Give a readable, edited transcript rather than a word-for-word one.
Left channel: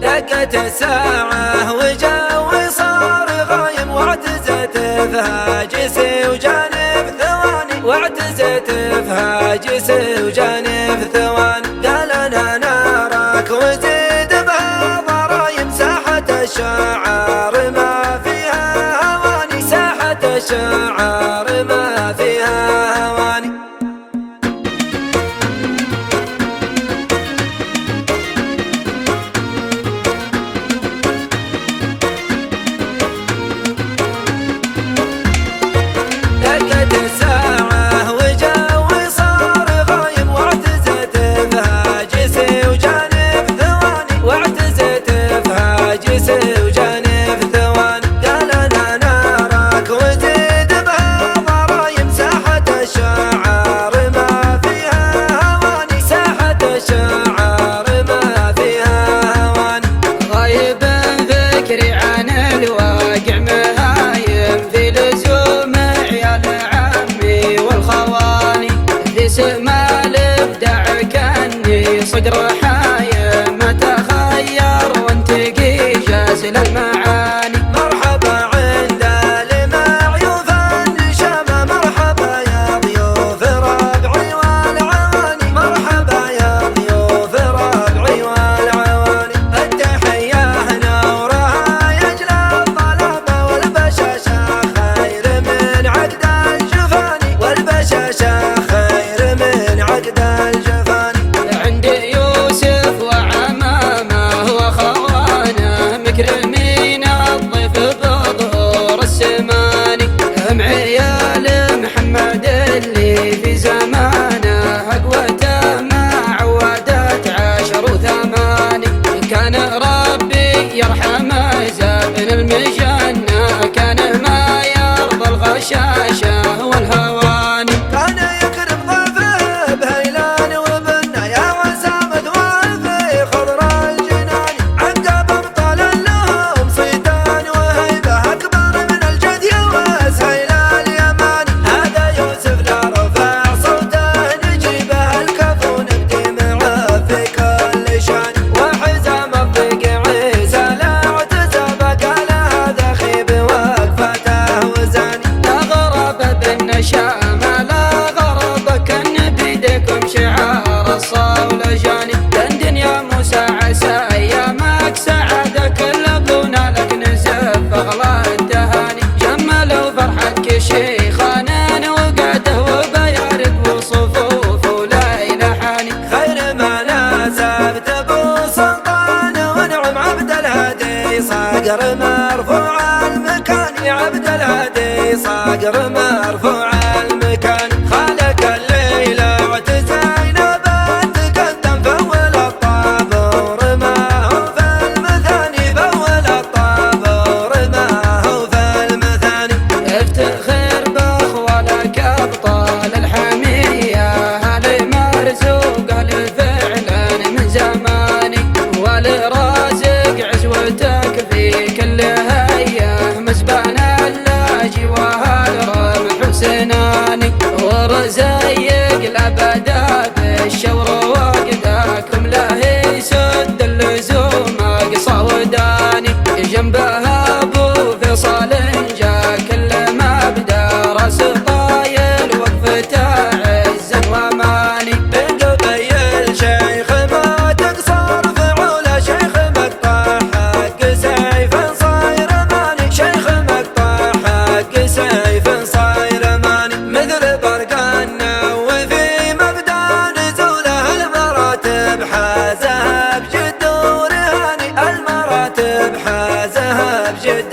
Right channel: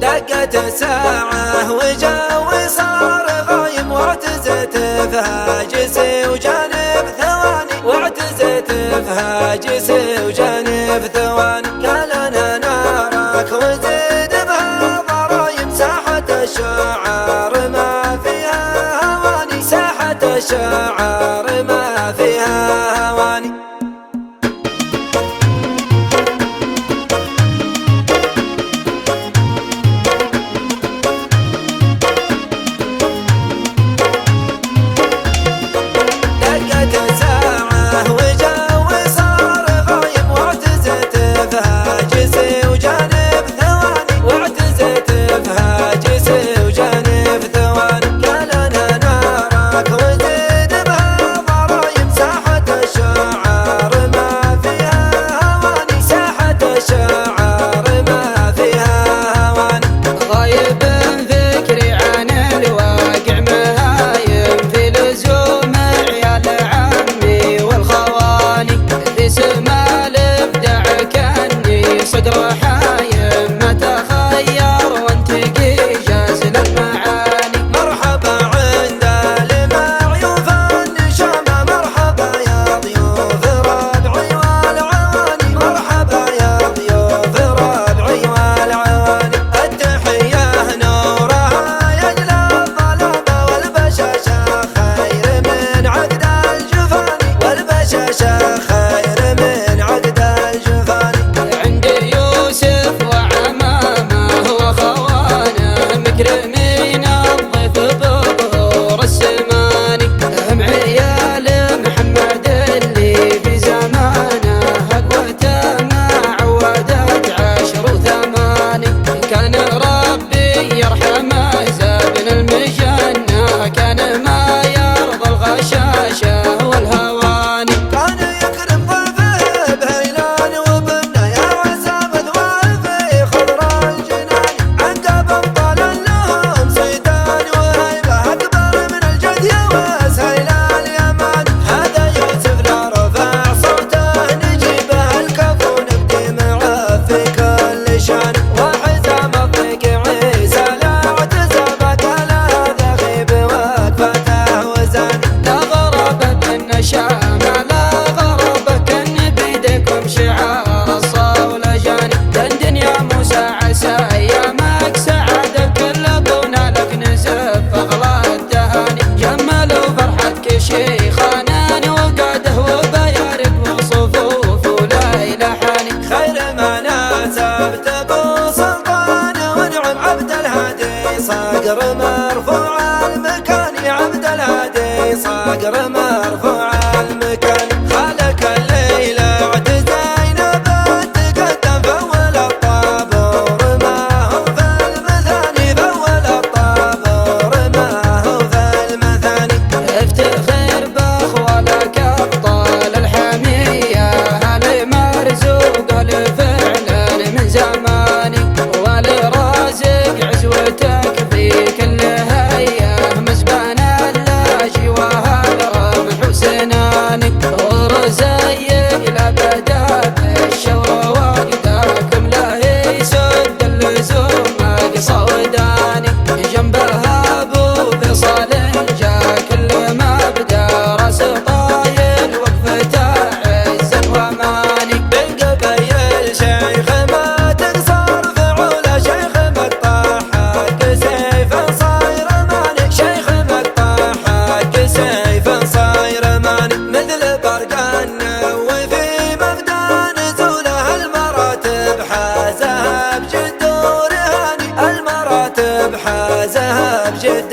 دقت الساعة وجوي صار غايم، واعتزت فهاجسي وجانب ثواني، واعتزت فهاجسي وجانب ثواني. قال انا نارك وزيد بها ضرايم، ساحة الشعار ما فيها هواني، ساحة الشعار ما فيها هواني. دقت الساعة وجوي صار غايم، واعتزت فهاجسي وجانب ثواني، واعتزت فهاجسي وجانب ثواني. قال انا نارك وزيد بها ضرايم، ساحة الشعار ما فيها هواني، ساحة الشعار ما فيها هواني. غايب فكري عن الواقع، مهايم في لزوم عيال عمي والخواني، في سما الابداع كاني صقر حايم، ما تخير وانتقي جازل المعاني. مرحبا عند المعيوف النشامة، مرحبا يا ضيوف ربعي والعواني، مرحبا يا ضيوف ربعي والعواني. التحية نورها يجلى الطلبة، والبشاشة خير من عقد الجفاني، والبشاشة خير من عقد الجفاني. عند يوسف وعمامه وخوانه، مكرمين الضيف بظهور السماني، هم عيال محمد اللي في زمانه، أقوته ما عودت 10 و8. كان ربي يرحمه زابن المجنة، كان ما يرضى الغشاشة والهواني. كان يكرم ضيفه بهيلان وبنه، يا عسام ذوال في خضر الجنان، عقب ابطال لهم صيتان وهيبه، اكبر من الجد يوس هيلان اليمان. هذا يوسف لا رفع صوته نجيبه، الكفو نبدي معه في كل شان، وحزام الضيق عيسى لا اعتزل، قال هذا خيب وقفته وزاني. لا غرب بالنشامة، لا غرب كان بيدكم شعار الصول جاني، دندن يا موسى عسى ايامك سعادة، كلنا لك نزف اغلى التهاني، جملوا فرحتك شيخانا وقعده وبيارك وصفوف وليلة حاني. خير ما ناسبت ابو سلطان، ونعم عبد الهادي صقر مرفوع المكان، عبد الهادي صقر مرفوع المكان. خالك الليلة وعد زينب تقدم، فول الطابور ما هو في المثاني، فول الطابور ما هو في المثاني. افتخر باخوالك ابطال الحمية، هالي مرزوق الفعل من زماني، والرازق عزوتك في كل هية، مزبان اللاجي وهالرمح وسناني، ورزيق الابدا بالشور وقداكم له يسد اللزوم اقصى وداني، جنبها ابو فيصل جا كل مبدا، راس طايل وقفته عزه واماني. بين قبيل شيخ ما تقصر فعوله، شيخ مقطع حق سيف صاير ماني، شيخ مقطع حق سيف صاير ماني. مثل برقان وفي مبدا نزوله، المراتب حازها بجد ورهاني، المراتب حازها بجد